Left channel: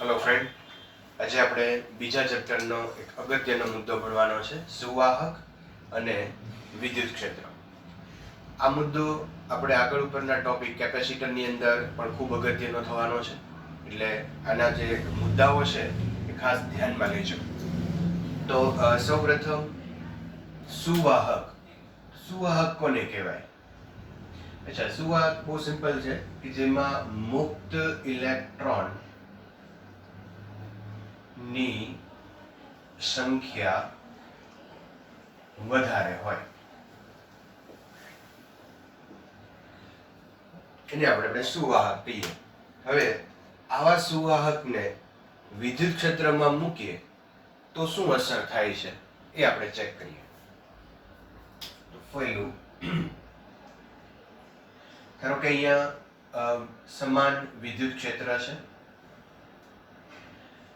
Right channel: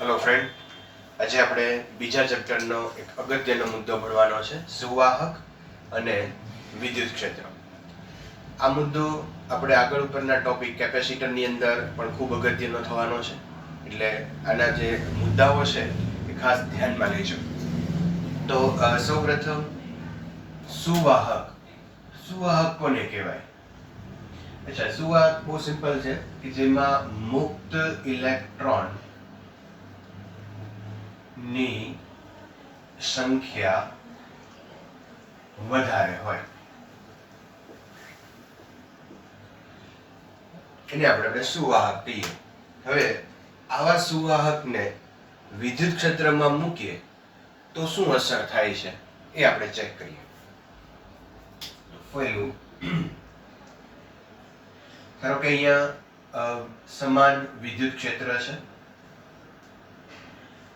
Hello friend, આજે આપણે બીજા ચેપ્ટરનો એક અગત્યનો મુદ્દો ભણવાનો છે, સુવાહક અને વિદ્યુત ક્ષેત્ર. આ મુદ્દો આપણે આગળ ઉપરના ટોપિક કેપેસિટરની અંદર પણ ખૂબ અગત્યનો થવાનો છે, એટલે આના જે મુદ્દાઓ છે એ ખાસ ધ્યાનમાં લેજો. તો સૌપ્રથમ સુવાહક. સુવાહક કોને કહેવાય? અચ્છા, સુવાહક બહુ સિમ્પલ છે કે જેમાં મુક્ત ઇલેક્ટ્રોન ની સંખ્યા વધારે હોય એને આપણે સુવાહક કહીએ. હવે આવા સુવાહકને વિદ્યુત ક્ષેત્રમાં મૂકીએ તો શું અસર થાય છે એ આપણે ચેક કરીએ. પહેલું, ધારો કે અહીંયા સમાન વિદ્યુત ક્ષેત્ર છે.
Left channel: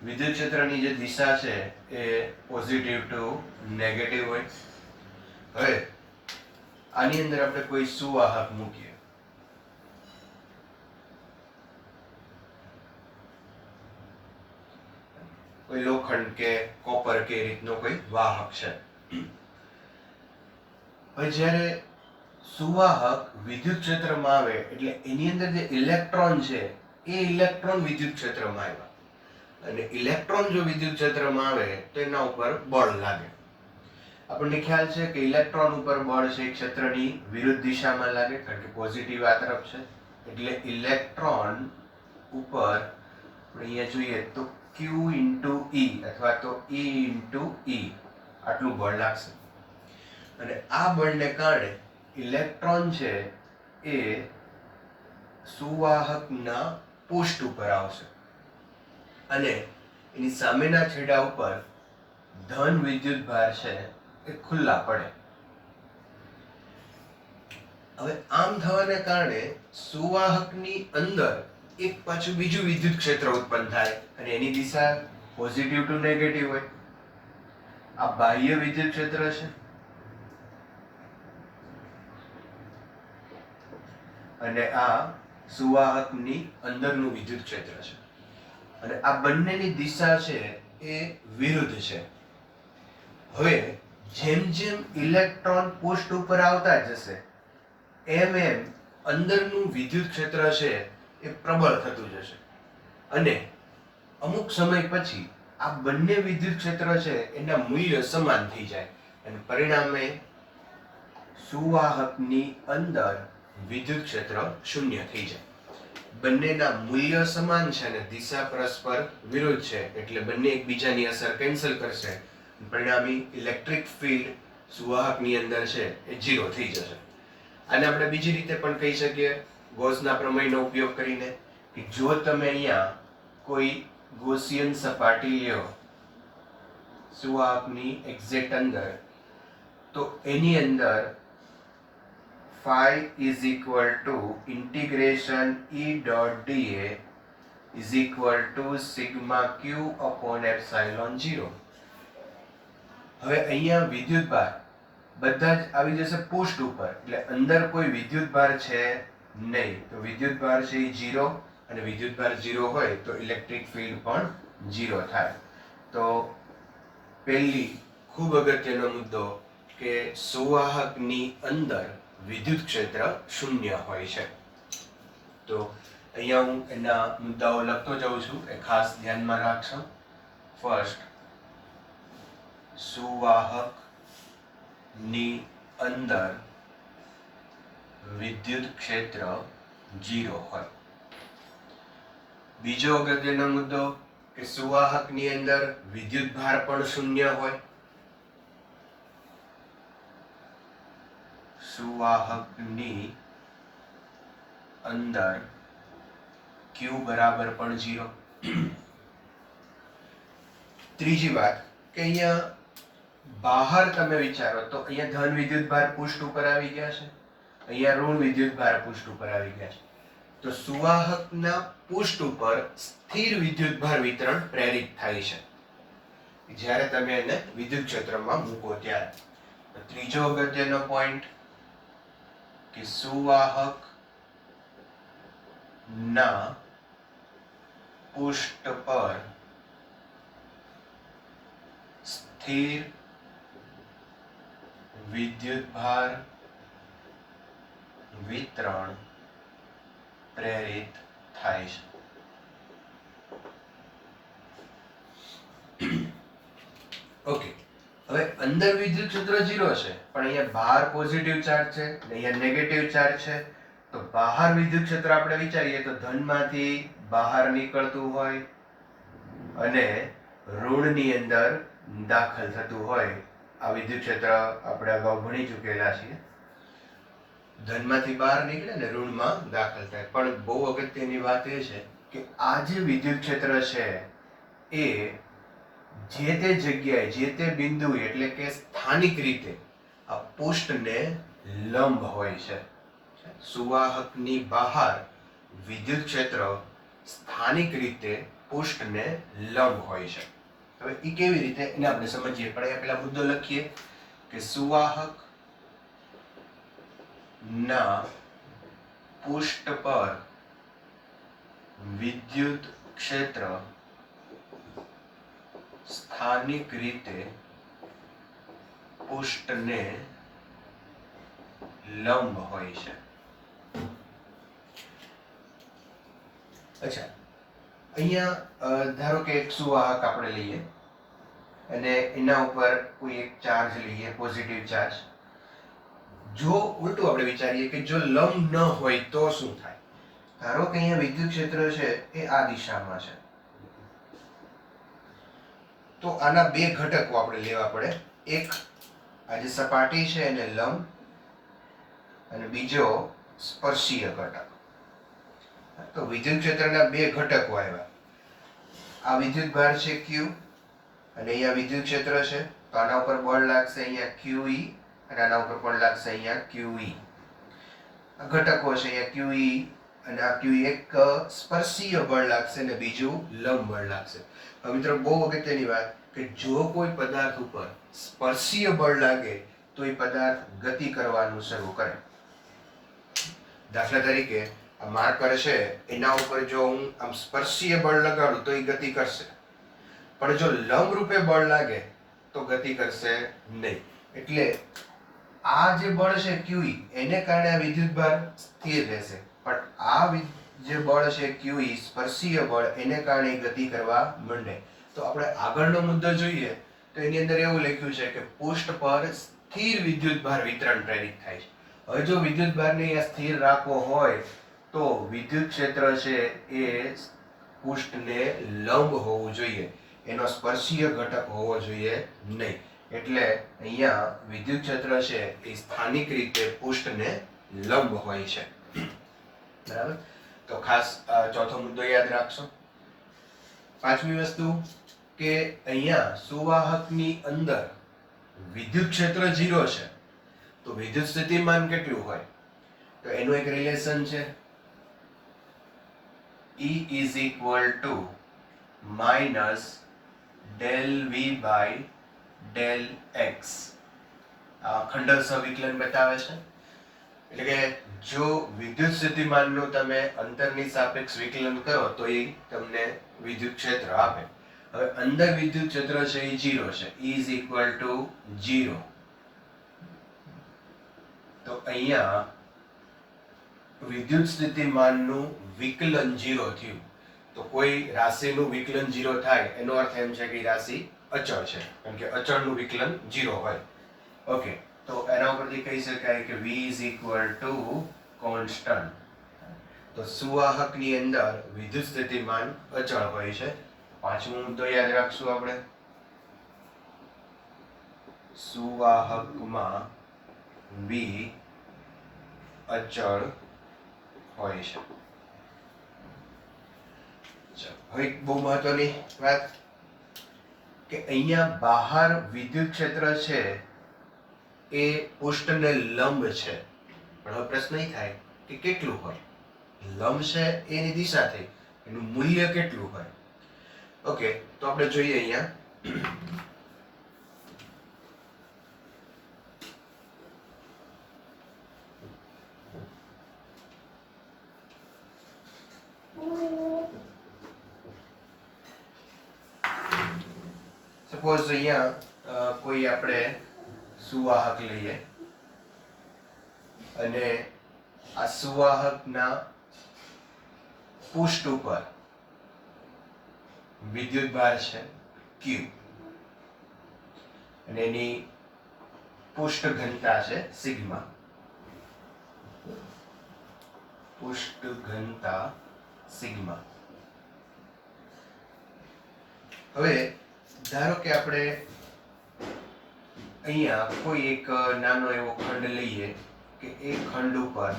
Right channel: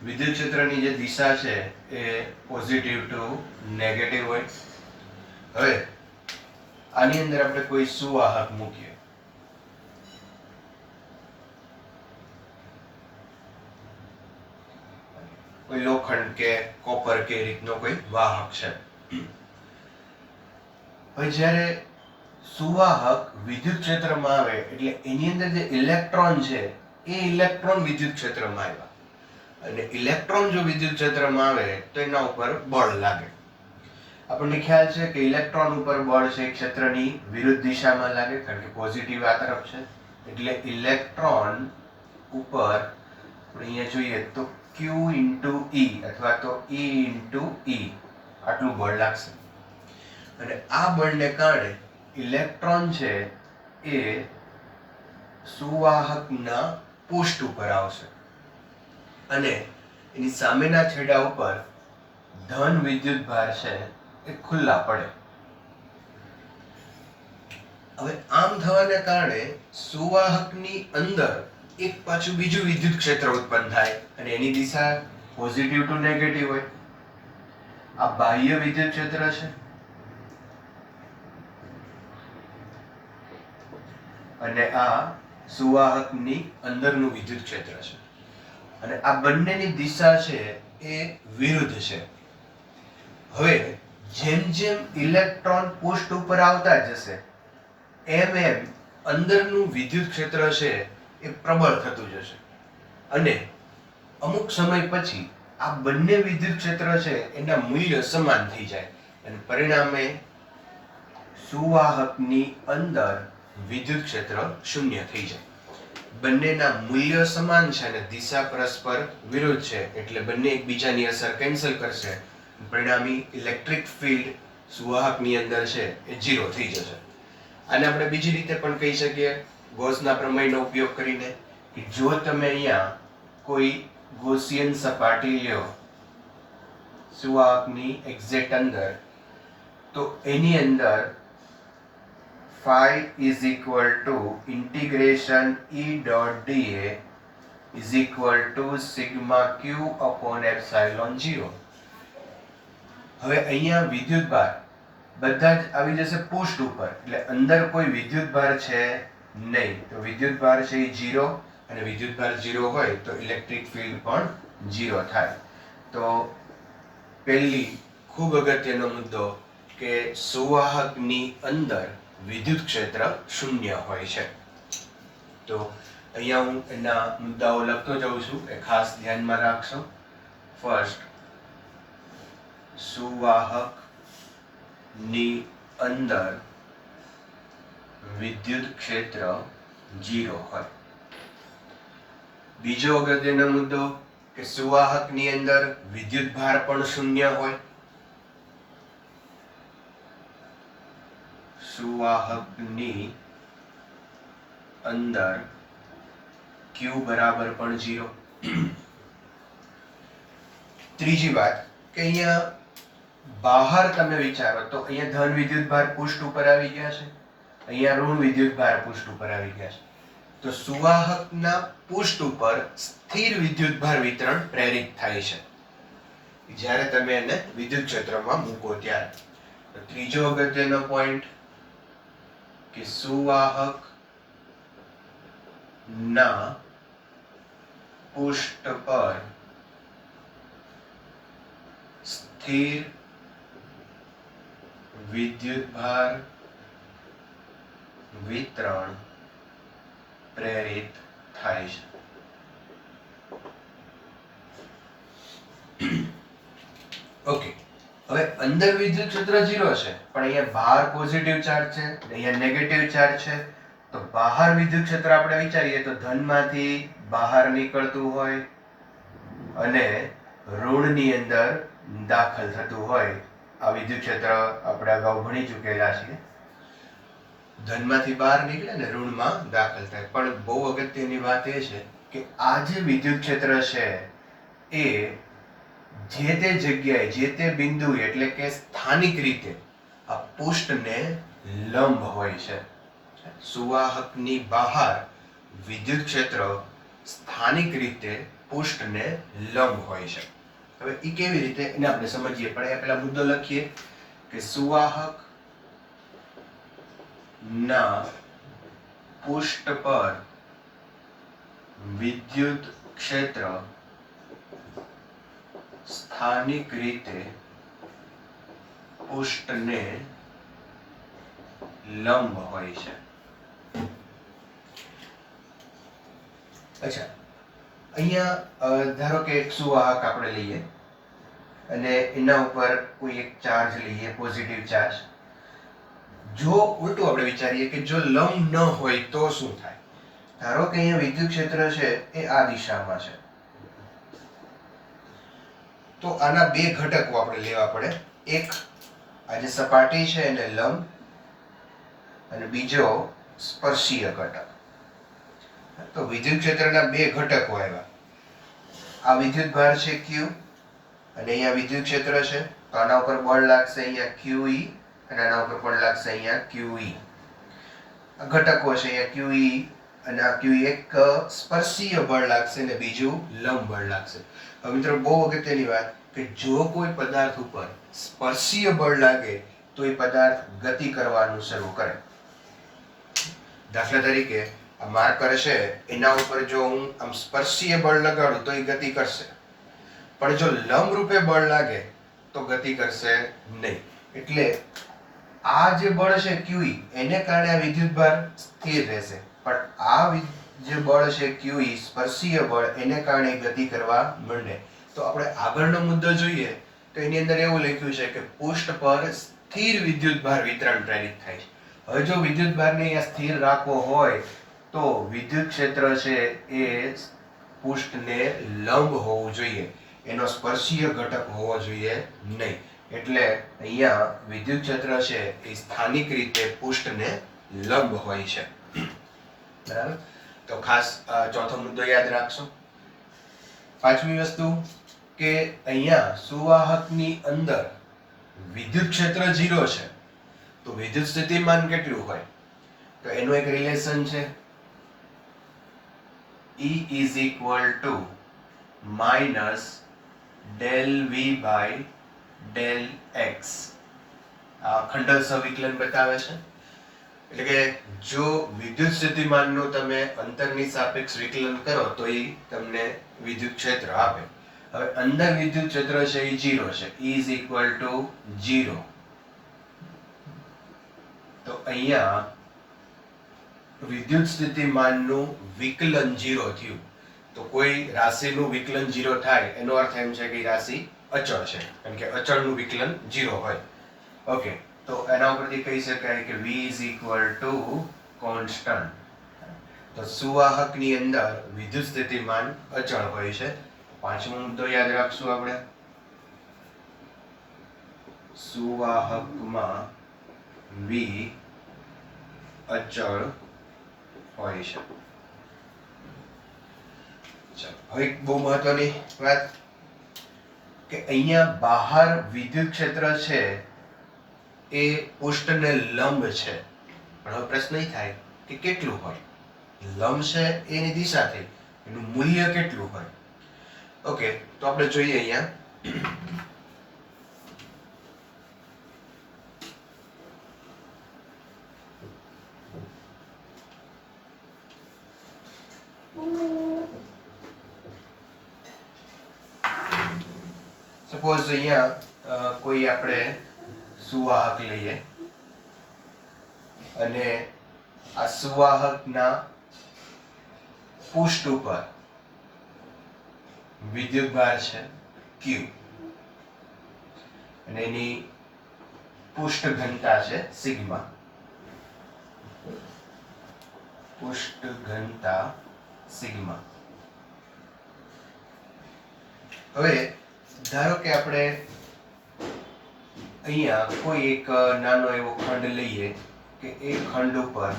વિદ્યુત ક્ષેત્રની જે દિશા છે એ પોઝિટિવ ટુ નેગેટિવ હોય. હવે આની અંદર આપણે કોઈ સુવાહક મૂકીએ. કોઈ લોખંડ કે કોપર કે રીતનો કોઈ વાહક છે. હવે જ્યારે સુવાહક વિદ્યુત ક્ષેત્રમાં આવે એટલે એની અંદર જે ઇલેક્ટ્રોન છે એ ઇલેક્ટ્રોન વિદ્યુત ક્ષેત્રમાં આવ્યા, અને ઇલેક્ટ્રોન જો વિદ્યુત ક્ષેત્રમાં આવે તો એના ઉપર બળ લાગે. આપણને ખ્યાલ છે કે ઇલેક્ટ્રોન ઉપર બળ છે ક્ષેત્રની વિરુદ્ધ દિશામાં લાગે, કારણ કે પોઝિટિવ આ તરફ છે. એટલે ઇલેક્ટ્રોન ઉપર આપણે અહીંયા જોઈએ તો Q ઇન્ટુ E અથવા તો E ઇન્ટુ E આટલું બળ લાગશે. અને આ બળને કારણે ઇલેક્ટ્રોન છે એ સુવાહકના પૃષ્ઠ ઉપર આવશે અને એની સામેના છેડા ઉપર ધન વિદ્યુત ભાર છે એ ખુલ્લા પડે. હવે આમ થવાને કારણે સુવાહકની અંદર એક પાછું બીજું વિદ્યુત ક્ષેત્ર ઉત્પન્ન થાય અને એની દિશા પોઝિટિવ ટુ નેગેટિવ હોય. આ બાહ્ય વિદ્યુત ક્ષેત્ર છે અને આ સુવાહકની અંદરનું વિદ્યુત ક્ષેત્ર છે, અને આ બંનેની દિશા છે એ વિરુદ્ધ છે. હવે જેમ જેમ ઇલેક્ટ્રોન પૃષ્ઠ ઉપર આવતા જશે એમ એમ અંદરનું વિદ્યુત ક્ષેત્ર છે એ પ્રબળ થતું જશે, અને અમુક સમય પછી આ બંને વિદ્યુત ક્ષેત્ર છે એના મૂલ્ય સમાન થઈ જાય, અને પરિણામે સુવાહકની અંદર વિદ્યુત ક્ષેત્ર શૂન્ય થઈ જાય. બંનેના મૂલ્ય સમાન છે અને દિશા પરસ્પર વિરુદ્ધ છે, એટલે બંને એકબીજાની અસર કેન્સલ કરશે. પરિણામી ઇલેક્ટ્રિક ફિલ્ડ સુવાહકની અંદર છે એ 0 થઈ જશે. આને આપણે બીજી રીતે પણ કહી શકીએ, ગોસના પ્રમેયનો ઉપયોગ કરીને, કે જો તમે અહીંયા કોઈ ગોસિયન સપાટી લ્યો સુવાહકની એક્ઝેક્ટ અંદર, તો એની અંદર phi is equal to integration E dot dA is equal to sigma q upon epsilon 0. હવે અહીંયા વિદ્યુત ભાર બધા જ આવી જશે પૃષ્ઠ ઉપર, એટલે અંદર કોઈ વિદ્યુત ભાર છે નહીં. તો વિદ્યુત ભાર છે એ 0, અને વિદ્યુત ભાર 0 હોય તો ઇલેક્ટ્રિક ફિલ્ડ પણ 0 થાય. તો પહેલી ખૂબ અગત્યનો મુદ્દો કે સુવાહકની અંદર વિદ્યુત ક્ષેત્ર શૂન્ય હોય છે. તો અહીંયા હું એના મુદ્દાઓ લખતો જાઉં છું, એ ખાસ ધ્યાનમાં રાખશો. ફર્સ્ટ, સુવાહકની અંદર વિદ્યુત ક્ષેત્ર 0 હોય. બીજો અગત્યનો મુદ્દો કે સુવાહકની અંદર વિદ્યુત ભાર પણ શૂન્ય હોય. સુવાહકની અંદર Q બરાબર પણ 0. ત્રીજી વાત કે અહીંયા બહાર તમે વિચારો તો અહીંયા ધન વિદ્યુત ભાર પૃષ્ઠ ઉપર આવી ગયા છે, અહીંયા ઋણ વિદ્યુત ભાર પૃષ્ઠ ઉપર આવી ગયા છે. તો સુવાહકના પૃષ્ઠ ઉપર સ્થિર વિદ્યુત ભાર વિતરણ પ્રેરિત થાય છે જ્યારે તમે એને વિદ્યુત ક્ષેત્રમાં મૂકો ત્યારે. ત્રીજો અગત્યનો પોઈન્ટ કે સુવાહક ના પૃષ્ઠ પર સ્થિર વિદ્યુતભાર વિતરણ પ્રેરિત થાય છે. ઓકે, હવે અંદર વિદ્યુત ક્ષેત્ર 0 છે, પણ અહીંયા બહાર પોઝિટિવ ચાર્જ છે અને અહીંયા નેગેટિવ ચાર્જ છે. તો બહાર વિદ્યુત ક્ષેત્ર આપણે વિચારીએ તો ધનમાંથી બહાર નીકળતું હોય અને ઋણની અંદર દાખલ થતું હોય. આ વિદ્યુત ક્ષેત્ર આપણે અગાઉ ભણી ચૂકેલા છીએ. ધનમાંથી બહાર નીકળે ને ઋણમાં દાખલ થાય. પણ બહુ અગત્યની વાત એ છે કે આ જે વિદ્યુત ક્ષેત્ર છે એ જે તે જગ્યાએ જે તે બિંદુએ એટલે કે સ્થાનિક રીતે આ પૃષ્ઠને લંબ હોય છે. સુવાહકની બહાર વિદ્યુત ક્ષેત્ર સ્થાનિક રીતે પૃષ્ઠને લંબ હોય છે. હવે એ કેવી રીતે એને આપણે સમજીએ. પણ એ પેલા મુદ્દો લખીએ કે સુવાહક ના પૃષ્ઠ પર વિદ્યુત ક્ષેત્ર સ્થાનિક રીતે પૃષ્ઠને લંબ હોય છે. અચ્છા, અહીંયા ધારો કે એક સુવાહક આપણે લઈએ અને એના ઉપર કોઈ એક ચાર્જ લઈએ, પોઝિટિવ ચાર્જ. જો ઉલટું આપણે વિચારીએ કે જો લંબ ન હોય તો શું થાય? ધારો કે અહીંયા વિદ્યુત ક્ષેત્ર છે એ આ દિશામાં છે, તો આના બે ઘટકો આપણે લેવા પડે. એક આ જે સપાટી છે એને લંબ અને બીજો સ્પર્શીય ઘટક. તો વિદ્યુત ક્ષેત્રના બે ઘટકો આવ્યા. આ વિદ્યુત ભાર છે Q અને અહીંયા વિદ્યુત ક્ષેત્ર છે, તો આના ઉપર બળ લાગશે અહીંયા QE અને આના ઉપર બળ લાગશે અહીંયા QE. આ ઘટકો છે અહીંયા QE અને આ QE. એક સ્પર્શીય બળ લાગશે અને બીજું લંબ બળ લાગશે. હવે મિત્રો બહુ અગત્યની વાત કે જો કોઈ પદાર્થ ઉપર સ્પર્શીય બળ લાગે તો એ પદાર્થ ગતિ કરવાનું શરૂ કરે. દાખલા તરીકે આ માર્કર છે એના ઉપર જો હું આમ સ્પર્શીય બળ લગાડું તો એ ગતિ કરશે, પણ જો લંબ રૂપે બળ લાગે તો ગતિ કરશે નહીં. એટલે આ જે બળ છે QE એને કારણે આ વિદ્યુતભાર સ્થિર રહેશે, પણ આ જે બળ છે QE સ્પર્શીય બળ એને કારણે ગતિ કરવા માંડે. તો આપણે આગળનો મુદ્દો જોઈએ તો એની અંદર એવું લખ્યું છે કે પૃષ્ઠ પર સ્થિર વિદ્યુતભાર વિતરણ પ્રેરિત થાય છે. હવે જો વિદ્યુતભારને અહીંયા સ્થિર રાખવો હોય તો વિદ્યુત ક્ષેત્ર છે એ પૃષ્ઠને લંબ હોવું જોઈએ, એનો સ્પર્શીય ઘટક હોવો જોઈએ નહીં. એટલે અહીંયા વિદ્યુત ક્ષેત્ર છે એ સ્થાનિક રીતે પૃષ્ઠને લંબ હોય છે. બરાબર? તો ખાસ ચોથો મુદ્દો યાદ રાખશો. પાંચમી વસ્તુ કે અહીંયા સુવાહકની અંદર વિદ્યુત ક્ષેત્ર 0 છે, તો વિદ્યુત સ્થિતિમાન કેટલું હોય? તો એનું એક રિલેશન છે E is equal to minus del V by del X. આ ખંડલ સવિકલન બતાવે છે. એટલે કે જો વિદ્યુત સ્થિતિમાનનું તમે અંતરની સાપેક્ષ વિકલન કરો તો એ તમને વિદ્યુત ક્ષેત્ર આપે. હવે અંદર વિદ્યુત ક્ષેત્ર છે એ 0 છે, E is equal to 0. તો અહીંયા વિદ્યુત સ્થિતિમાનનું વિકલન 0 થયું. તો કોઈ રાશિનું વિકલન 0 થાય એનો અર્થ એમ છે કે રાશિ અચળ છે, કારણ કે અચળનું વિકલન 0 હોય. ઓકે, તો એના ઉપરથી કહી શકાય કે V is equal to constant. તો સુવાહકની અંદર વિદ્યુત સ્થિતિમાન અચળ હોય છે. પાંચમો મુદ્દો યાદ રાખશું આપણે. સુવાહકમાં V અચળ હોય છે. હવે બહુ મહત્વની વાત કે અહીંયા બહાર વિદ્યુત ક્ષેત્ર છે એ પૃષ્ઠને લંબ છે, પણ હવે પ્રશ્ન એ થાય કે કેટલું હોય? લંબ છે એની દિશા થઈ, એનું મૂલ્ય કેટલું હોય? ઓકે, તો આપણે જોઈએ અહીંયા. સપોઝ અહીંયા કોઈ આપણે સુવાહક લઈએ અને આ સુવાહકના પૃષ્ઠ ઉપર વિદ્યુતભાર છે Q અને એની પૃષ્ઠ ઘનતા છે સિગ્મા. પૃષ્ઠ ઘનતા સિગ્મા. હવે ધારો કે આપણે અહીંયા કોઈ એક નાનો એવો ખંડ લઈએ કે એ ખંડ ઉપર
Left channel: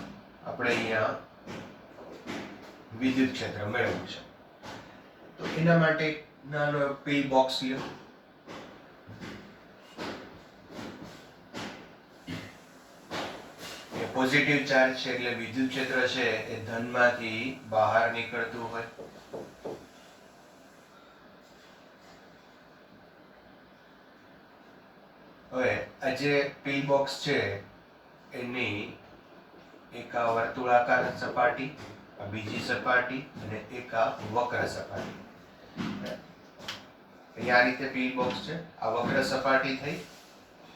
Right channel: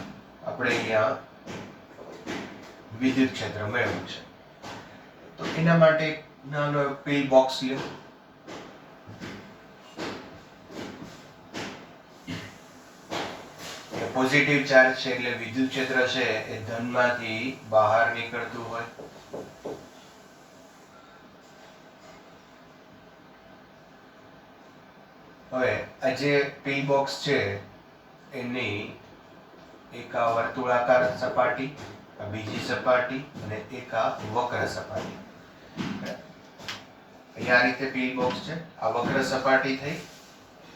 આપણે અહીંયા વિદ્યુત ક્ષેત્ર મેળવવું છે. તો એના માટે નાનો એવો પિલ બોક્સ લ્યો. પોઝિટિવ ચાર્જ છે એટલે વિદ્યુત ક્ષેત્ર છે એ ધનમાંથી બહાર નીકળતું હોય. હવે આ જે પિલ બોક્સ છે એની એક આ વર્તુળાકાર સપાટી, આ બીજી સપાટી અને એક આ વક્ર સપાટી. અહીંયા આ રીતે પિલ બોક્સ છે. આ વક્ર સપાટી થઈ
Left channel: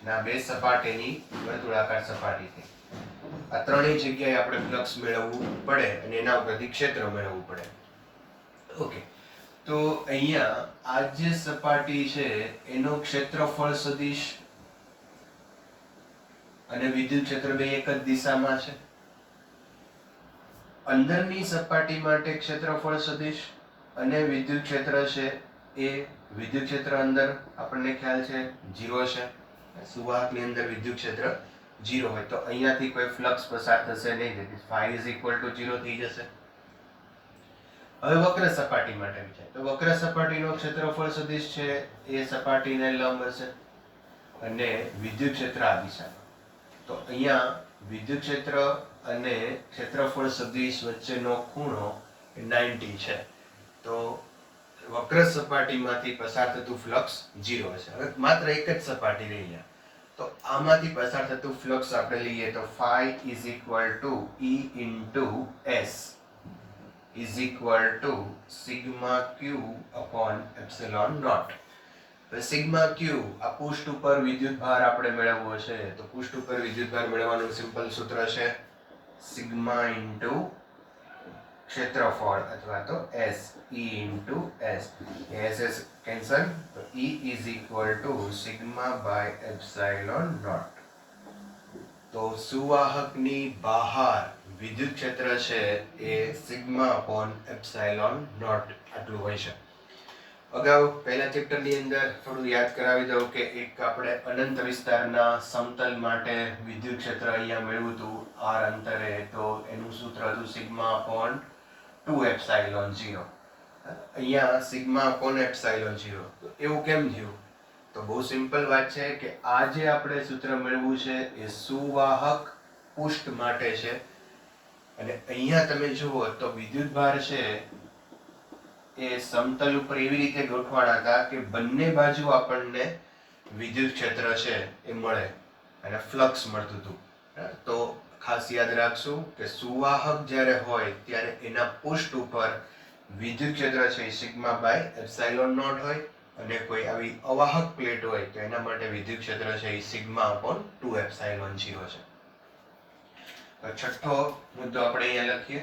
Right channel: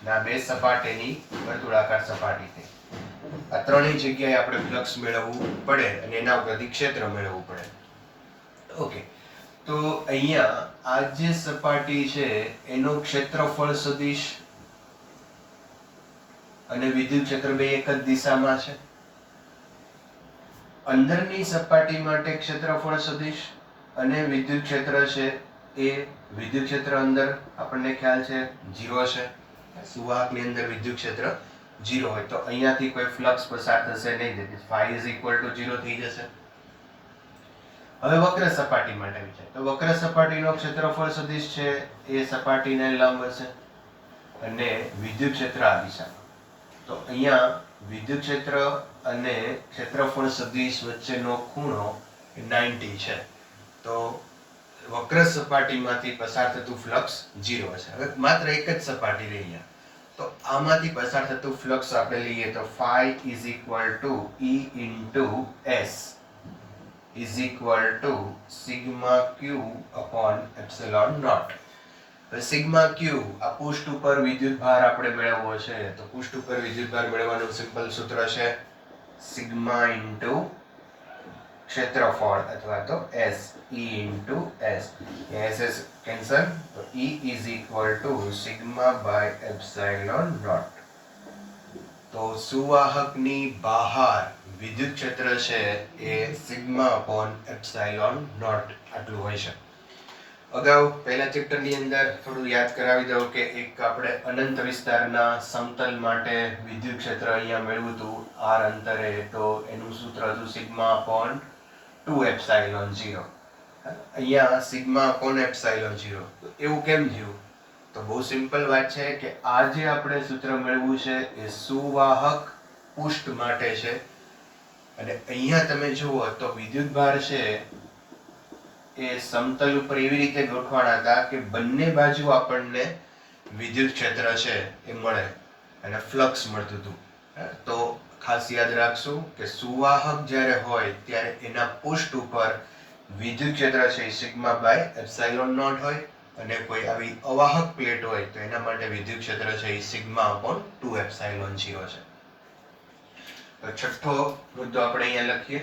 અને આ બે સપાટીની વર્તુળાકાર સપાટી થઈ. આ ત્રણેય જગ્યાએ આપણે ફ્લક્સ મેળવવું પડે અને એના ઉપરથી ક્ષેત્ર મેળવવું પડે. ઓકે, તો અહીંયા આ જે સપાટી છે એનો ક્ષેત્રફળ સદિશ અને વિદ્યુત ક્ષેત્ર બે એક જ દિશામાં છે. અંદરની સપાટી માટે ક્ષેત્રફળ સદિશ અને વિદ્યુત ક્ષેત્ર છે એ વિદ્યુત ક્ષેત્ર અંદર આપણને ખ્યાલ છે 0 છે. સુવાહકની અંદર વિદ્યુત ક્ષેત્ર 0 હોય તો અહીંયાથી કોઈ ફ્લક્સ પસાર થશે નહીં, તેથી phi is equal to 0 થઈ જશે. હવે વક્ર સપાટી માટે વિચાર. તો વક્ર સપાટીનો ક્ષેત્રફળ સદિશ છે એ સપાટીને લંબ હશે અને વિદ્યુત ક્ષેત્ર આ દિશામાં. તો અહીંયા વિદ્યુત ક્ષેત્ર અને ક્ષેત્રફળ સદિશ વચ્ચેનો ખૂણો 90 છે. તો વક્ર સપાટીમાંથી પસાર થતું ફ્લક્સ 0 હશે. હવે માત્ર એક જ સપાટી રહી અહીંયા. તો આમાંથી પસાર થતું ફ્લક્સ આપણે લઈએ તો phi is equal to E into S is equal to sigma q upon epsilon naught. Sigma ક્યુ આ પૃષ્ઠ ઉપર વિદ્યુત ભાર આપણે મેળવવો છે. તો પૃષ્ઠ ઉપર વિદ્યુત ભાર મેળવવાનું સિમ્પલ સૂત્ર છે સિગ્મા ઇન્ટુ ક્ષેત્રફળ અથવા તો S, E into S. S cancel, તો E is equal to sigma by epsilon naught. તો સુવાહકની બહાર વિદ્યુત ક્ષેત્ર છે એ સિગ્મા અપોન એપ્સાઇલોન નોટ આટલું હોય છે. અગાઉ પહેલા ચેપ્ટરની અંદર થોડું યાદ કરાવી દઉં કે એક આપણે અનંત વિસ્તારના સમતલ માટે વિદ્યુત ક્ષેત્ર અહીંયા મેળવ્યું હતું r અંતરે. તો એનું સૂત્ર હતું સિગ્મા અપોન 2 એપ્સાઇલોન 0. અહીંયા સિગ્મા અપોન એપ્સાઇલોન 0. તો એવું કેમ થયું? તો બહુ સિમ્પલ વાત છે કે આ જે આપણે સૂત્ર મેળવ્યું છે એ સુવાહક પૃષ્ઠ માટે છે અને અહીંયા તમે જુઓ તો વિદ્યુતભાર છે એ સમતલ ઉપર એવી રીતે ગોઠવાણા હતા કે બંને બાજુ આપણને વિદ્યુત ક્ષેત્ર છે એ મળે અને ફ્લક્સ મળતું હતું. તો ખાસ યાદ રાખશું કે સુવાહક જ્યારે હોય ત્યારે એના પૃષ્ઠ ઉપર વિદ્યુત ક્ષેત્ર છે એ સિગ્મા બાય એપ્સાઇલોન નોટ હોય અને કોઈ આવી અવાહક પ્લેટ હોય તો એના માટે વિદ્યુત ક્ષેત્ર છે એ સિગ્મા અપોન 2 એપ્સાઇલોન 0 છે. તો છઠ્ઠો મુદ્દો આપણે અહીંયા લખીએ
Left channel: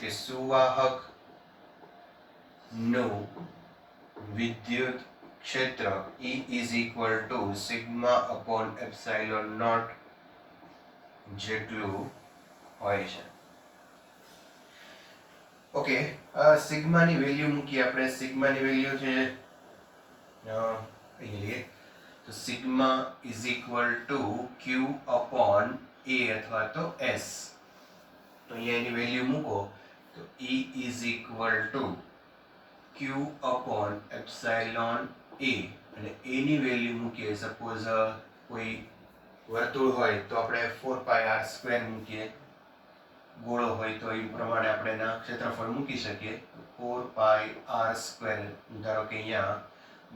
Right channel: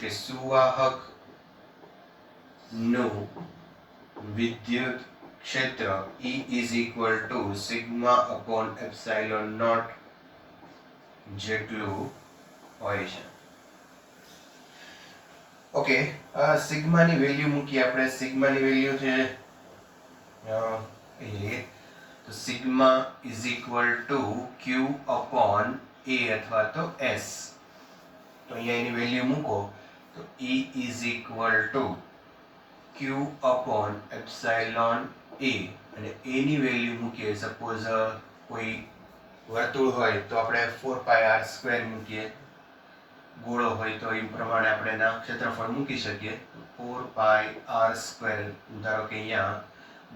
કે સુવાહક નું વિદ્યુત ક્ષેત્ર E is equal to sigma upon epsilon naught જેટલું હોય છે. ઓકે, સિગ્માની વેલ્યુ મૂકી આપણે. સિગ્માની વેલ્યુ છે તો sigma is equal to Q upon A અથવા તો S. તો અહીંયા એની વેલ્યુ મૂકો તો E is equal to Q upon epsilon A અને A ની વેલ્યુ મૂકીએ. સપોઝ કોઈ વર્તુળ હોય તો આપણે 4πr² મૂકીએ, ગોળો હોય તો એ પ્રમાણે આપણે એના ક્ષેત્રફળ મૂકી શકીએ. 4πr², ધારો કે અહીંયા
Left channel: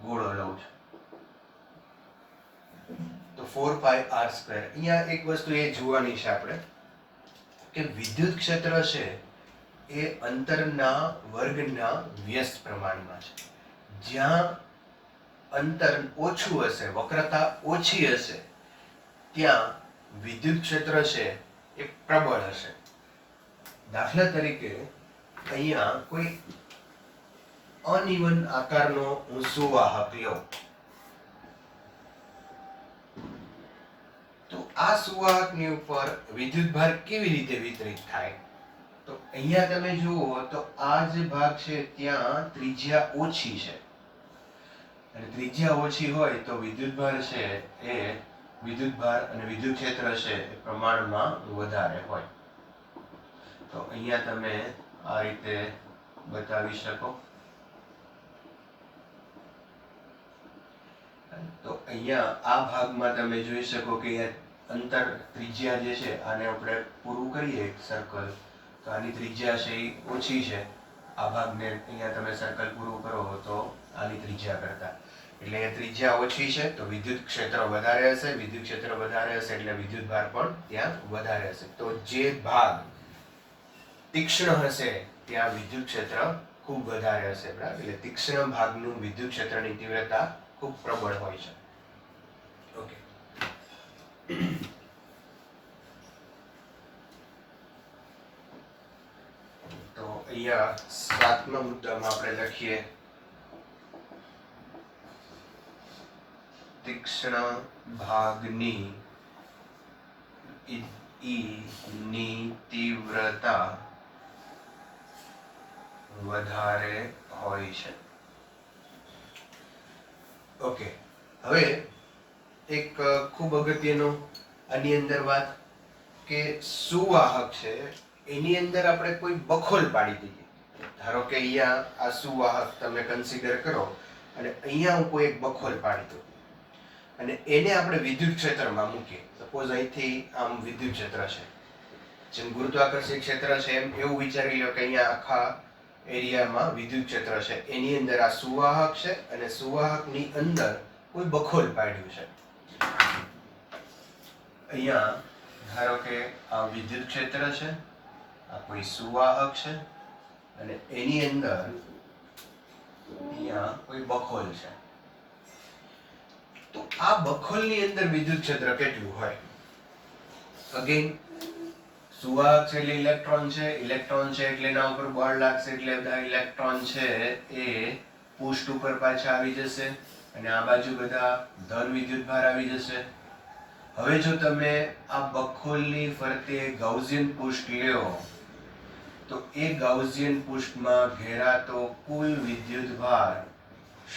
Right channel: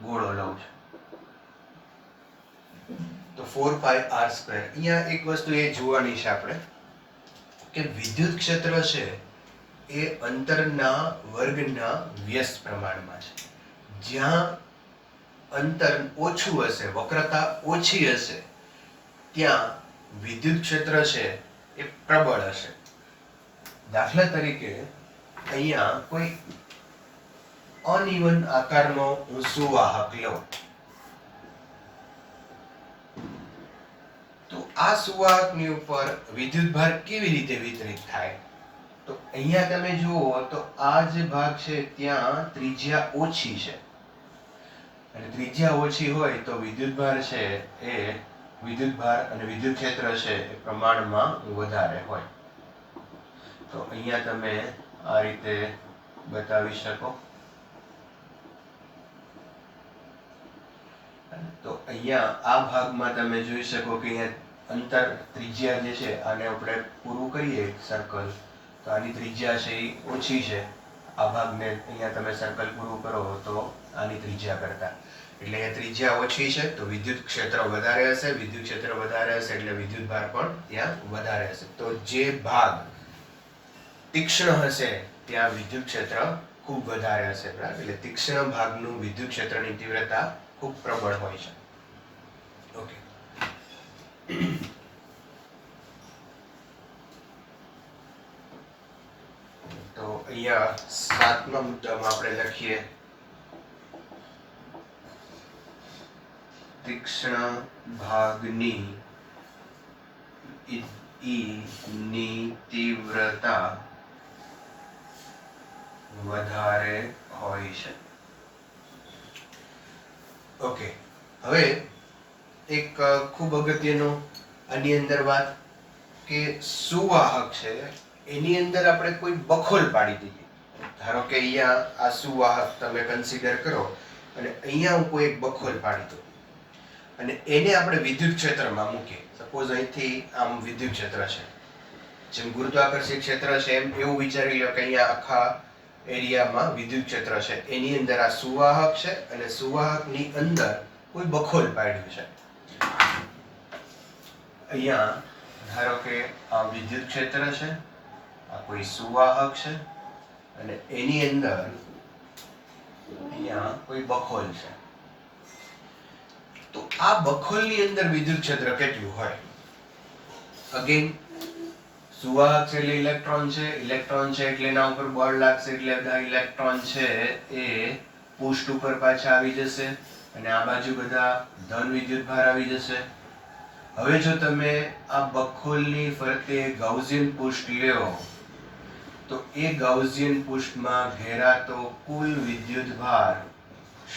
ગોળો લઉં છું તો 4πr². અહીંયા એક વસ્તુ એ જોવાની છે આપણે કે વિદ્યુત ક્ષેત્ર છે એ અંતરના વર્ગના વ્યસ્ત પ્રમાણમાં છે. જ્યાં અંતર ઓછું હશે, વક્રતા ઓછી હશે, ત્યાં વિદ્યુત ક્ષેત્ર છે એ પ્રબળ હશે. દાખલા તરીકે અહીંયા કોઈ અનઇવન આકારનો હું સુવાહક લઉં, તો આ સુવાહકની ઉપર વિદ્યુત ભાર કેવી રીતે વિતરિત થાય? તો અહીંયા તમે જુઓ તો આ જે ભાગ છે ત્યાં ત્રિજ્યા ઓછી છે, અને ત્રિજ્યા ઓછી હોય તો વિદ્યુત ભાર છે એ વિદ્યુત ભાર અને વિદ્યુત ક્ષેત્ર છે એ પ્રમાણમાં વધારે હોય. તો અહીંયા તમે આ રીતે બતાવી શકો. તો અહીંયા આ ભાગમાં તમે જોઈ શકો કે અહીંયા અંતર ત્રિજ્યા જે છે આને આપણે પૂરું કરીએ સર્કલ, તો આની ત્રિજ્યા છે એ ઓછી છે. આ ભાગને અહીંયા તમે સર્કલ પૂરું કરો તો આની ત્રિજ્યા કરતા, એટલે અહીંયા ત્રિજ્યા ઓછી છે તો વિદ્યુત ક્ષેત્ર વધારે હશે, વિદ્યુત ક્ષેત્ર વધારે હશે એટલે વિદ્યુત ભાર પણ ત્યાં વધારે હશે. તો જે ભાગ તીક્ષ્ણ હશે ત્યાં વિદ્યુત ક્ષેત્ર ખૂબ વધારે હશે, બરાબર? એટલે તીક્ષ્ણ ભાગનું વિદ્યુત ક્ષેત્રની તીવ્રતા ખૂબ પ્રબળ હોય છે. ઓકે, તો અહીંયા 7મા મુદ્દામાં આપણે લખીએ તીક્ષ્ણ ભાગની ની તીવ્રતા વધારે હોય છે. ઓકે, હવે એક ખૂબ અગત્યનું આની અંદર વાત કે સુવાહક છે એની અંદર આપણે કોઈ બખોલ પાડી દઈએ. ધારો કે અહીંયા આ સુવાહક તમે કન્સિડર કરો અને અહીંયા હું કોઈ એક બખોલ પાડી દઉં અને એને આપણે વિદ્યુત ક્ષેત્રમાં મૂકીએ. સપોઝ અહીંથી આમ વિદ્યુત ક્ષેત્ર છે, જેમ ગુરુત્વાકર્ષણ ક્ષેત્ર છે એમ એવું વિચારી લો કે અહીંયા આખા એરિયામાં વિદ્યુત ક્ષેત્ર છે, એની અંદર આ સુવાહક છે અને સુવાહકની અંદર કોઈ બખોલ પાડ્યું છે. અહીંયા ધારો કે આ વિદ્યુત ક્ષેત્ર છે, આ કોઈ સુવાહક છે અને એની અંદર અહીંયા કોઈ બખોલ છે. તો આ બખોલની અંદર વિદ્યુત ક્ષેત્ર કેટલું હોય? અગેન સુવાહક છે એટલે ઇલેક્ટ્રોન છે, ઇલેક્ટ્રોન છે એટલે એના ઉપર બળ લાગશે એટલે બધા ઇલેક્ટ્રોન છે એ પૃષ્ઠ ઉપર પાછા આવી જશે અને આ બાજુ બધા ધન વિદ્યુત ભાર આવી જશે. હવે જો તમે આ બખોલની ફરતે ગાઉસિયન પૃષ્ઠ લ્યો તો એ ગાઉસિયન પૃષ્ઠમાં ઘેરાતો કુલ વિદ્યુત ભાર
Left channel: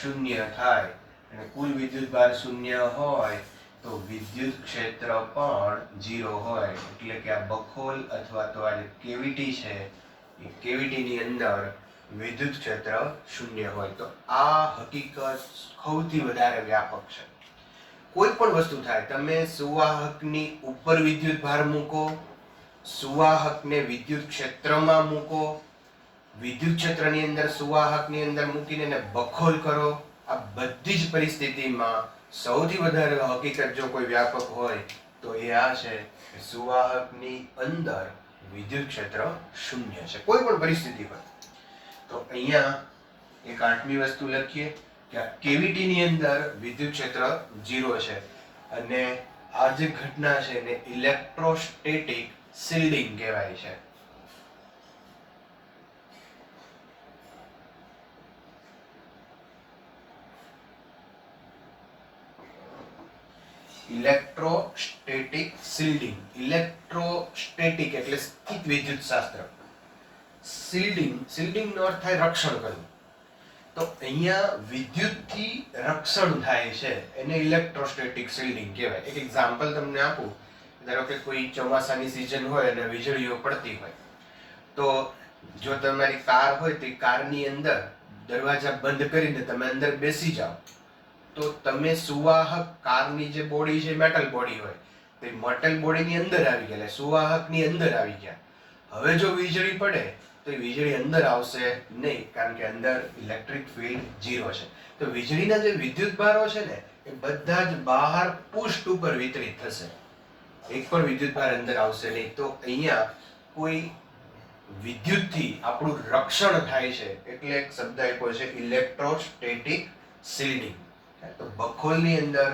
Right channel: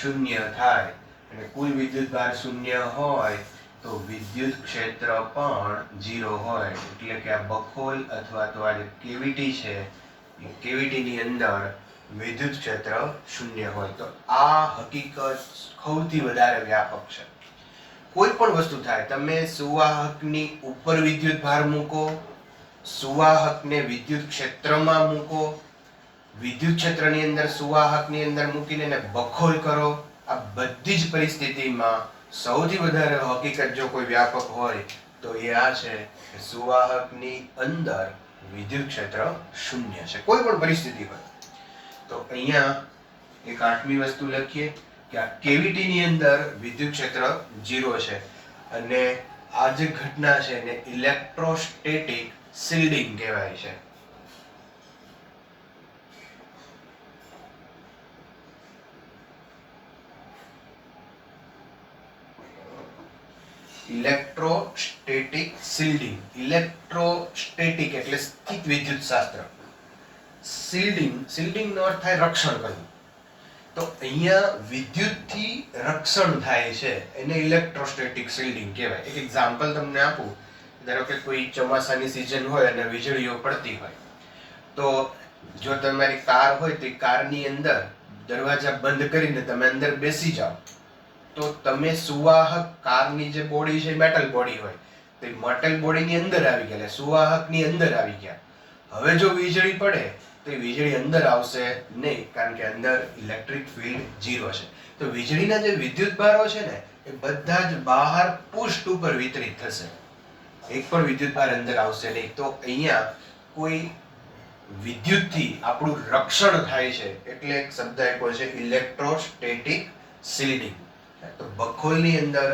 શૂન્ય થાય, અને કુલ વિદ્યુત ભાર શૂન્ય હોય તો વિદ્યુત ક્ષેત્ર પણ 0 હોય. એટલે કે આ બખોલ અથવા તો આ જે કેવિટી છે એ કેવિટીની અંદર વિદ્યુત ક્ષેત્ર શૂન્ય હોય. તો આ હકીકત સૌથી વધારે વ્યાપક છે. કોઈ પણ વસ્તુ થાય, તમે સુવાહકની ઉપર વિદ્યુત ભાર મૂકો, સુવાહકને વિદ્યુત ક્ષેત્રમાં મૂકો, વિદ્યુત ક્ષેત્રની અંદર સુવાહકની અંદર મૂકીને એને બખોલ કરો, આ બધી જ પરિસ્થિતિમાં સૌથી વધારે હકીકત જો કોઈ વ્યાપક હોય તો એ આ છે કે સુવાહકની અંદર વિદ્યુત ક્ષેત્ર શૂન્ય છે, કોઈ પણ પરિસ્થિતિ હોય. તો અહીંયા એક 8મી વસ્તુ લખીએ કે આ કેવિટીની અંદર વિદ્યુત ક્ષેત્ર 0 છે અને આ જે ઘટના છે એને ઇલેક્ટ્રોસ્ટેટિક શિલ્ડિંગ કહેવાય છે. Electrostatic shielding. ઇલેક્ટ્રોસ્ટેટિક એટલે સ્થિત વિદ્યુત શાસ્ત્ર, શિલ્ડિંગ નો અર્થ થાય રક્ષણ કરવું. તો અહીંયા વિદ્યુતથી રક્ષણ થાય છે એને ઇલેક્ટ્રોસ્ટેટિક શિલ્ડિંગ કહેવાય. એક એક્ઝામ્પલ તમને આપું. ધારો કે કોઈ ચોમાસાની સિઝન હોય અને વીજળીઓ પડતી હોય, તો જો તમારી કાર હોય તો કારની અંદર દરવાજા બંધ કરીને તમે અંદર બેસી જાઓ તો તમે સુવાહક, કારની જે બોડી છે મેટલ બોડી હોય તો એ મેટલ બોડીની અંદર આવી ગયા, સુવાહકની અંદર આવી ગયા. હવે જો વીજળી પડે તો એ વીજળી અંદર આવશે નહીં, કારણ કે અંદર ઇલેક્ટ્રિક ફિલ્ડ 0 છે. તો વીજળીના જે વિદ્યુત ભારો છે ને એ બધા જ બહાર પૃષ્ઠ ઉપર વિતરિત થશે, એક પણ વિદ્યુત ભાર અંદર આવશે નહીં. તો અહીંયા કોઈ વિદ્યુતથી આપણું રક્ષણ થાય છે એટલે એક શબ્દ આપ્યો છે ઇલેક્ટ્રોસ્ટેટિક શિલ્ડિંગ. તો બખોલની અંદર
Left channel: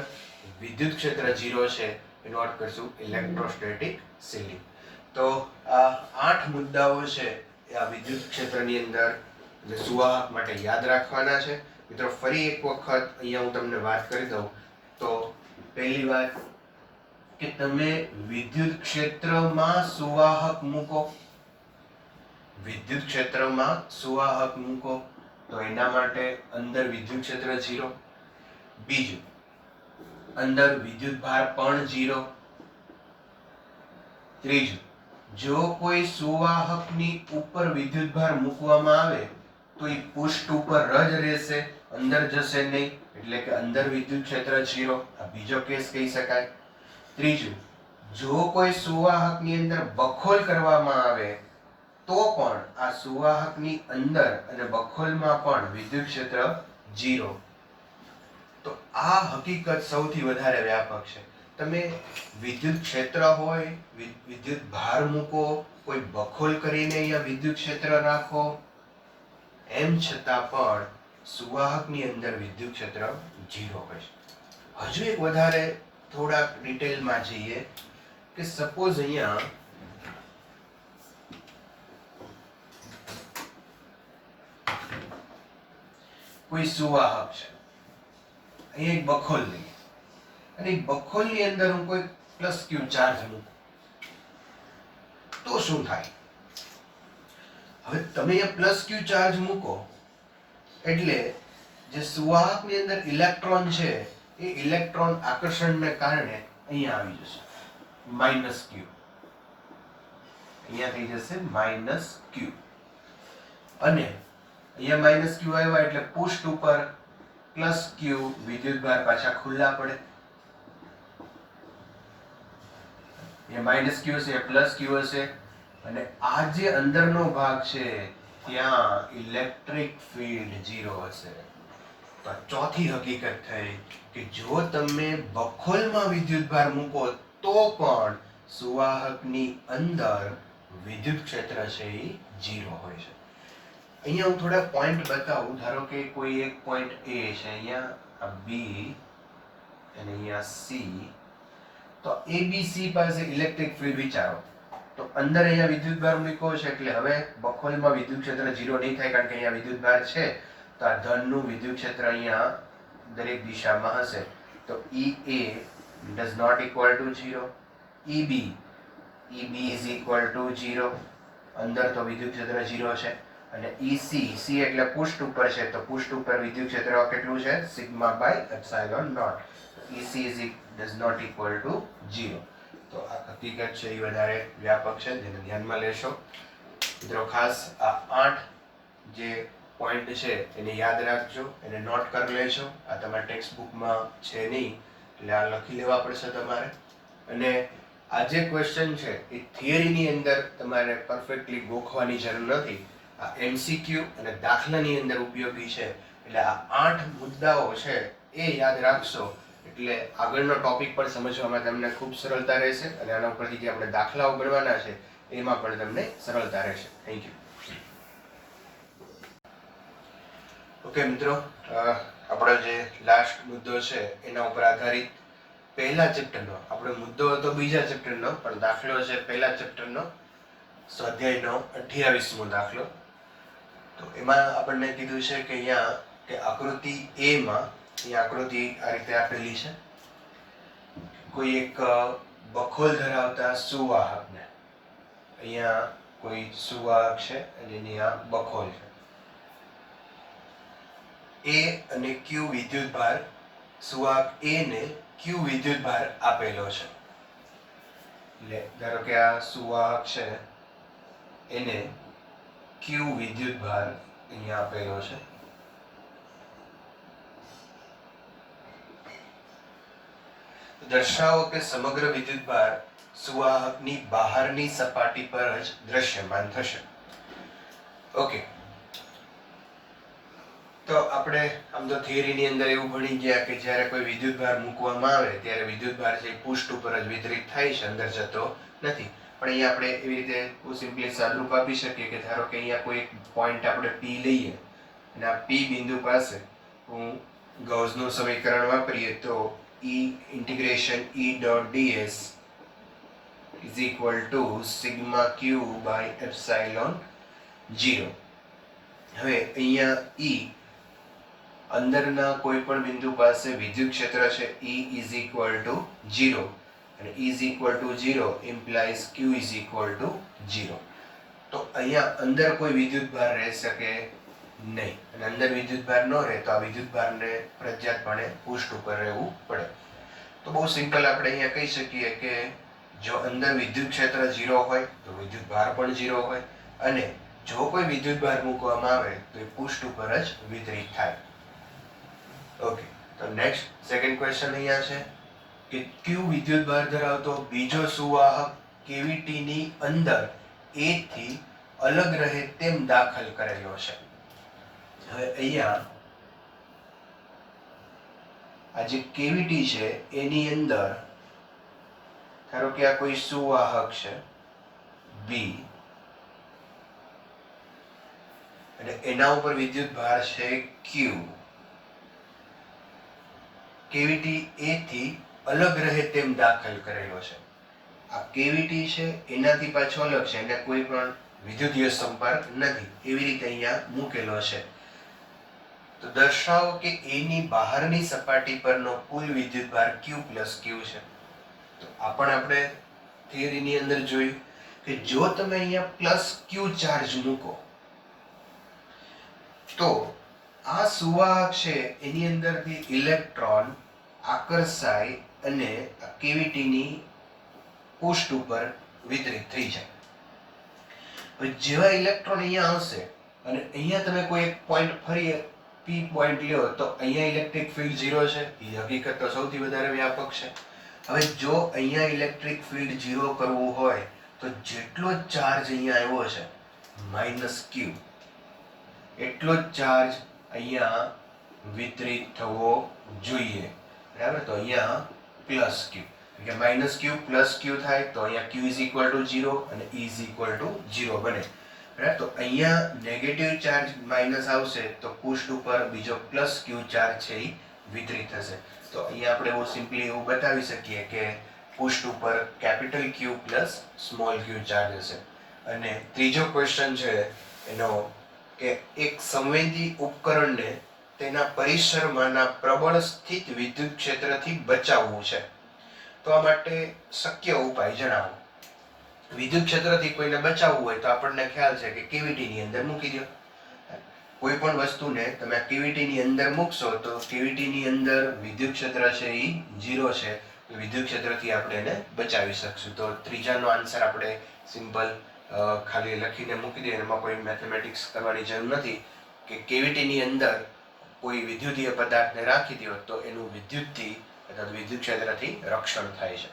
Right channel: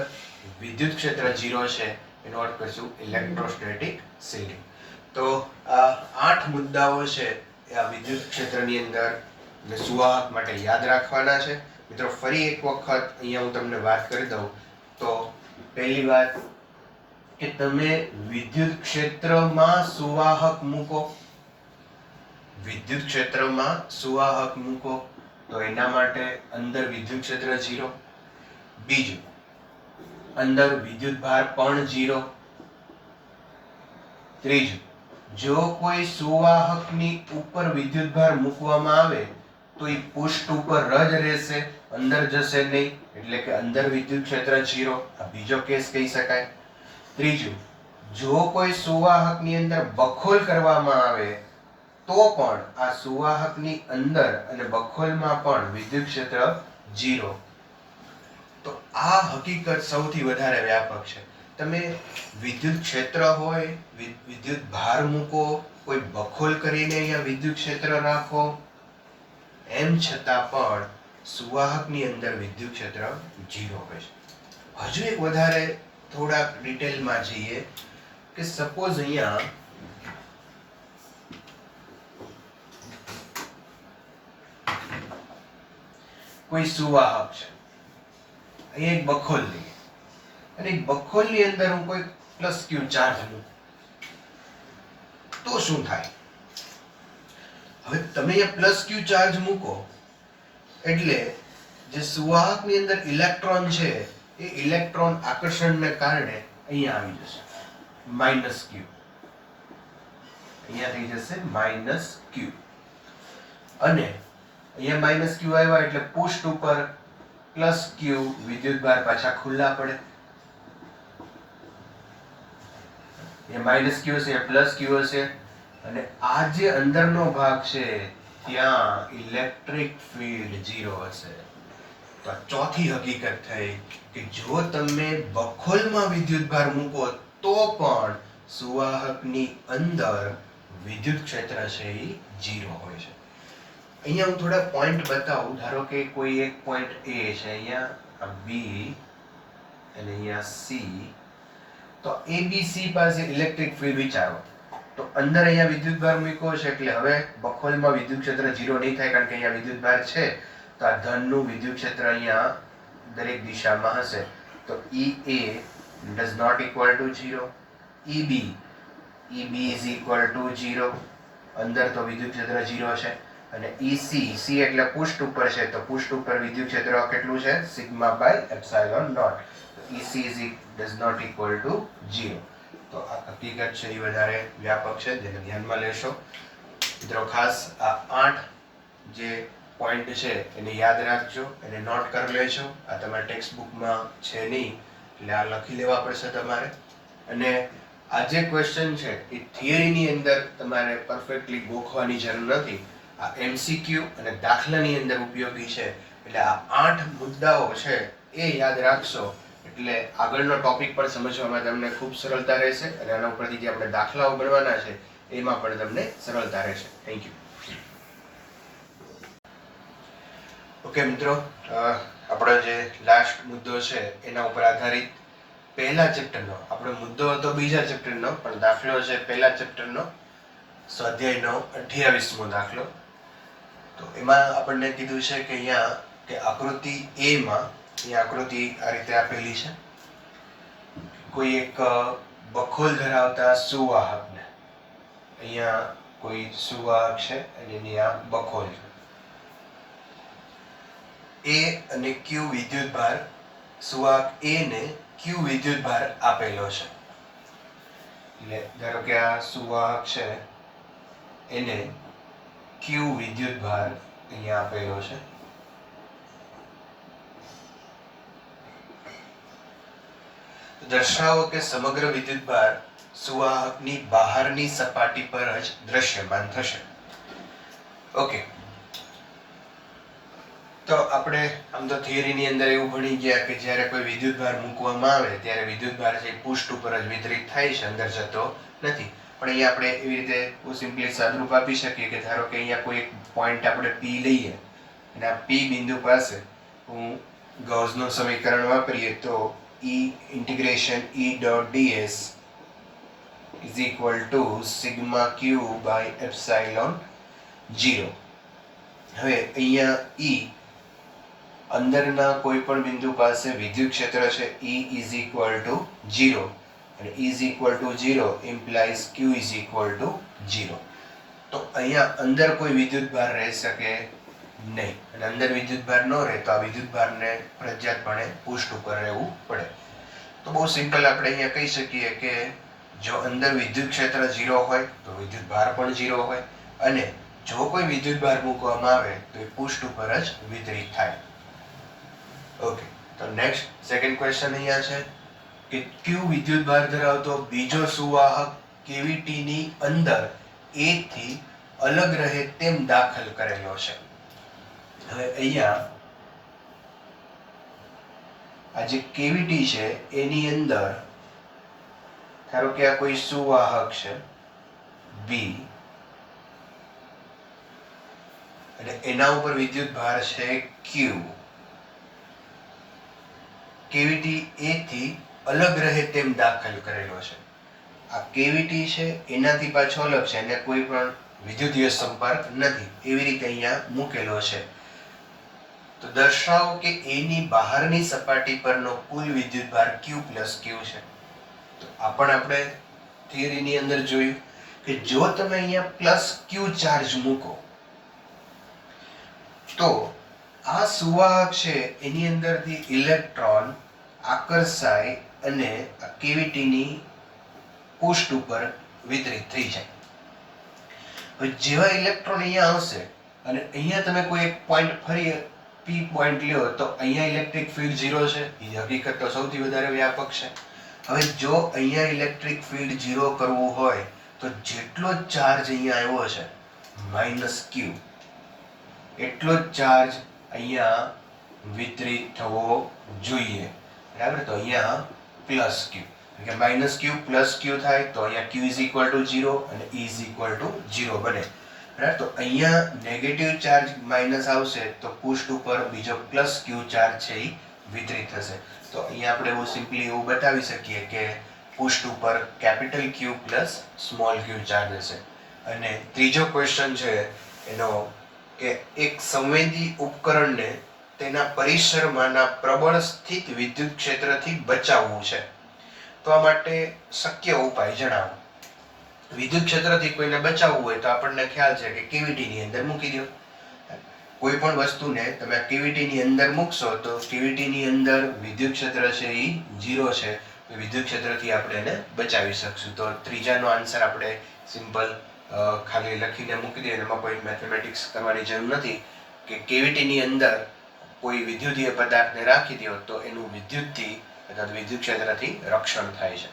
વિદ્યુત ક્ષેત્ર 0 છે એનો અર્થ કરશું ઇલેક્ટ્રોસ્ટેટિક શિલ્ડિંગ. તો આ 8 મુદ્દાઓ છે એ આ વિદ્યુત ક્ષેત્રની અંદર અને સુવાહક માટે યાદ રાખવાના છે. મિત્રો ફરી એક વખત અહીંયા હું તમને વાત કરી દઉં તો પહેલી વાત કે તમે વિદ્યુત ક્ષેત્રમાં સુવાહક મૂકો, વિદ્યુત ક્ષેત્રમાં સુવાહક મૂકો તો એના માટે અંદર વિદ્યુત ક્ષેત્ર 0. બીજું, અંદર વિદ્યુત ભાર પણ 0. ત્રીજું, જો કોઈ સુવાહકની ઉપર વિદ્યુત ભાર મૂકવામાં આવે તો એ પૃષ્ઠ ઉપર જ રહેશે, અંદર જશે નહીં, એટલે કે અંદર વિદ્યુત ક્ષેત્ર 0. આ બીજો કેસ કહી શકાય. ત્રીજું, જો કોઈ સુવાહકની અંદર બખોલ કરવામાં આવે તો પણ આ સુવાહકની અંદર અને બખોલમાં પણ વિદ્યુત ક્ષેત્ર 0. તો આ હકીકત સૌથી વધારે વ્યાપક છે. તમે વિદ્યુત ક્ષેત્ર હોય, વિદ્યુત ભાર મૂકો, કોઈ બખોલ કરીને અહીંયા વિદ્યુત ક્ષેત્ર રાખો, એમ છતાં પણ સુવાહકની અંદર વિદ્યુત ક્ષેત્ર 0 હોય છે. હજુ એક વધારે થોડાક ડિટેલમાં જઈએ કે સપોઝ અહીંયા કોઈ સુવાહક છે, અહીંયા એક બખોલ લઈએ અને એક બખોલની અંદર હું કોઈ પ્લસ ક્યુ ચાર્જ મૂકું તો શું થાય? હવે તમે અહીંયા પ્લસ ક્યુ ચાર્જ મૂકો એટલે જે સુવાહકની અંદર ઇલેક્ટ્રોન છે એ ઇલેક્ટ્રોન આકર્ષણને કારણે અહીંયા આવી જશે માઇનસ ક્યુ, અહીંયા થઈ જશે માઇનસ ક્યુ. અને અહીંયા માઇનસ ક્યુ આવ્યા એટલે પૃષ્ઠ ઉપર પ્લસ ક્યુ વિદ્યુત ભાર પાછા ખુલ્લા પડે. એ માઇનસ ક્યુ હશે, પ્લસ ક્યુ હશે અને આ જે અંદરનો ભાગ છે ત્યાં ઇલેક્ટ્રિક ફીલ્ડ 0 હશે. તો ચોથી હકીકત થઈ કે જો તમે બખોલમાં વિદ્યુત ભાર મૂકો તો પણ સુવાહકની અંદર વિદ્યુત ક્ષેત્ર છે એ 0 હોય છે. અહીંયા હું થોડા પોઈન્ટ બતાવું. ધારો કે કોઈ એક પોઈન્ટ A છે, અહીંયા B અને અહીંયા C. તો ABC પાસે ઇલેક્ટ્રિક ફીલ્ડ વિચારો તો અંદર અહીંયા વિદ્યુત ભાર મૂક્યો છે એટલે હવે બખોલમાં વિદ્યુત ક્ષેત્ર 0 નહીં થાય કારણ કે અહીંયા વિદ્યુત ભાર છે. તો આ ધનનું વિદ્યુત ક્ષેત્ર અહીંયા દરેક દિશામાં હશે. તો EA does not equal to 0. EB is equal to 0. અંદર તો વિદ્યુત ક્ષેત્ર 0 છે. અને EC, C એટલે પૃષ્ઠ ઉપર છે તો પૃષ્ઠ ઉપર વિદ્યુત ક્ષેત્ર કેટલું છે? Sigma by epsilon naught. EC does not equal to 0. તો આ હકીકત છે એ વધારે વ્યાપક છે જેને ધ્યાનમાં લેશો. મિત્રો ખાસ આ 8 જે પોઈન્ટ છે એને યાદ રાખજો, એને નોટ કરી લેજો. આ તમારા ટેક્સ્ટ બુકમાં છે નહીં એટલે આ લખી લેવા પડશે તમારે. અને આ જે ક્વેશ્ચન છે એ થિયરીની અંદર તમારે પરફેક્ટલી ગોખવાની જરૂર નથી. આ MCQ અને દાખલાની અંદર ઉપયોગી છે. એટલે આ 8 મુદ્દાઓ છે એ યાદ રાખશો એટલે આગળનો ટોપિક પણ સમજવામાં તમને ખૂબ સરળતા રહેશે અને આના ઉપરથી જે આપણે દાખલાઓ ગણવાના છે એમાં પણ તમને સરળતા રહેશે. Thank you. ઓકે મિત્રો, આપણો જે લાસ્ટ મુદ્દો છે એના ઉપર આધારિત પહેલા ચેપ્ટરનો, આપણો મુદ્દો હતો બીજા ચેપ્ટરનો પણ દાખલો છે પહેલા ચેપ્ટરનો, સ્વાધ્યાયનો 28મો દાખલો. તો એમાં આપણને કીધું છે કે અહીંયા કે આકૃતિ A માં અહીંયા આકૃતિ આ રીતે આપેલી છે. કોઈ એક બખોલ ધરાવતા સુવાહકને, અહીંયા કોઈ સુવાહક છે અને એની આ બખોલ છે. A અને Q વિદ્યુત ભાર, સુવાહક A ને Q વિદ્યુત ભાર આપેલો છે. એટલે ધારો કે આ સુવાહક છે એને Q વિદ્યુત ભાર અહીંયા આપેલો છે. દર્શાવો કે સમગ્ર વિદ્યુત ભાર સુવાહકની બહારની સપાટી પર જ દ્રશ્યમાન થશે. ઓકે, તો આપણે આમ તો થિયરીની અંદર એવું ભણી ગયા કે જ્યારે કોઈ વિદ્યુત ભાર મૂકવામાં આવે ત્યારે વિદ્યુત ભાર છે પૃષ્ઠ ઉપર જ વિતરિત થાય છે, અંદર જતો નથી. પણ અહીંયા આપણે એવી રીતે સિમ્પલી સાદરૂપ આપી શકીએ કે ધારો કે અહીંયા કોઈ એક પોઈન્ટ આપણે P લઈએ અને આ P બિંદુ પાસે હું ગૌસનું સમીકરણ વાપરીએ તો E integration E dot ds is equal to sigma q by epsilon 0. હવે અહીંયા E અંદરના કોઈ પણ બિંદુ પાસે વિદ્યુત ક્ષેત્ર છે E ઇઝ ઇક્વલ ટુ 0 અને E is equal two 0 implies Q is equal two 0. તો અહીંયા અંદર કોઈ વિદ્યુત ભાર રહી શકે નહીં અને અંદર વિદ્યુત ભાર ન રહે તો આ વિદ્યુત ભારને ફરજિયાતપણે પૃષ્ઠ ઉપર રહેવું પડે. તો બહુ સિમ્પલ આપણે અહીંયા કહી શકીએ કે જો અંદર વિદ્યુત ક્ષેત્ર 0 હોય તો વિદ્યુત ભાર પણ 0 હોય અને જો કોઈ વિદ્યુત ભાર મૂકવામાં આવે તો એ પૃષ્ઠ ઉપર જ વિતરિત થાય. ઓકે, તો નેક્સ્ટ સેકન્ડ ક્વેશ્ચન અહીંયા છે કે Q વિદ્યુત ભાર ધરાવતો બીજો સુવાહક કેવિટી ની અંદર A થી અલગ રહે તેમ દાખલ કરેલો છે. હવે અહીંયા આ જે કેવિટી છે એની અંદર ધારો કે આ કોઈ સુવાહક છે B અને એના ઉપર વિદ્યુત ભાર છે Q. કેવિટી A થી અલગ રહે તેમ દાખલ કરેલો છે. આ કેવિટી છે એનાથી પાછો અલગ છે અને કોઈ પણ વિદ્યુતીય સંપર્ક નથી એવી રીતે અહીંયા મૂકેલો છે. તો દર્શાવો કે A ની બહારની સપાટી પરનો કુલ વિદ્યુત ભાર Q પ્લસ Q છે. તો આ પણ આપણે થિયરીની અંદર જોયું કે જો તમે અહીંયા પ્લસ Q ચાર્જ મૂકો તો આ સુવાહક છે એની અંદરથી ઇલેક્ટ્રોન આકર્ષાય અને કેવિટીની પૃષ્ઠ ઉપર વિતરિત થઈ જાય. હવે જેવા ઇલેક્ટ્રોન અહીંયા આવશે અને અહીંયા તમે કોઈ એક પોઈન્ટ ફરી P પોઈન્ટ લ્યો તો અહીંયા ઇલેક્ટ્રિક ફિલ્ડ 0 છે. એ હકીકત તો સૌથી વધારે વ્યાપક છે. હવે જો અહીંયા ઇલેક્ટ્રિક ફિલ્ડ 0 કરવું હોય તો જેટલો ચાર્જ અહીંયા આવ્યો છે -Q એટલો જ ચાર્જ અહીંયા વિતરિત થવો જોઈએ. બરાબર, તો અહીંયા પ્લસ Q કે -Q પ્લસ Q થાય તો અહીંયા Q ઇઝ ઇક્વલ ટુ 0 અને E ઇઝ ઇક્વલ ટુ 0 બને. બરાબર, તો અહીંયા નેગેટિવ ચાર્જ માઇનસ આવશે તો પૃષ્ઠ ઉપર બીજો પ્લસ Q ચાર્જ છે એ વિતરિત થશે. તો અહીંયા આપણે એવું સિમ્પલી એવું બતાવી શકીએ કે પૃષ્ઠ ઉપર capital Q plus small q charge હશે. અને ત્રીજો ક્વેશ્ચન છે એનો કે એક સંવેદી ઉપકરણને તેના પરિસરમાંના પ્રબળ સ્થિત વિદ્યુત ક્ષેત્રથી બચાવવું છે. તો આ માટે શક્ય ઉપાય જણાવો. વિદ્યુત ક્ષેત્રથી કોઈને બચાવવું હોય તો આપણને ખ્યાલ છે કે કેવિટીની અંદર મૂકી દો. કોઈ પણ વસ્તુને તમે કેવિટીની અંદર મૂકશો તો કેવિટીની અંદર વિદ્યુત ક્ષેત્ર છે એ 0 છે. તો વિદ્યુત ક્ષેત્રથી આપણે એને બચાવી શકશું. તો ત્રીજાનો આન્સર આપણે સિમ્પલ ખાલી લખીને મૂકી દઈએ, એમાં કોઈ મેથેમેટિક્સ કરવાની જરૂર નથી કે કેવિટીની અંદર કોઈ વિદ્યુતીય પદાર્થને રાખી દો તો એનું વિદ્યુતથી અથવા વિદ્યુત ક્ષેત્રથી રક્ષણ થાય છે.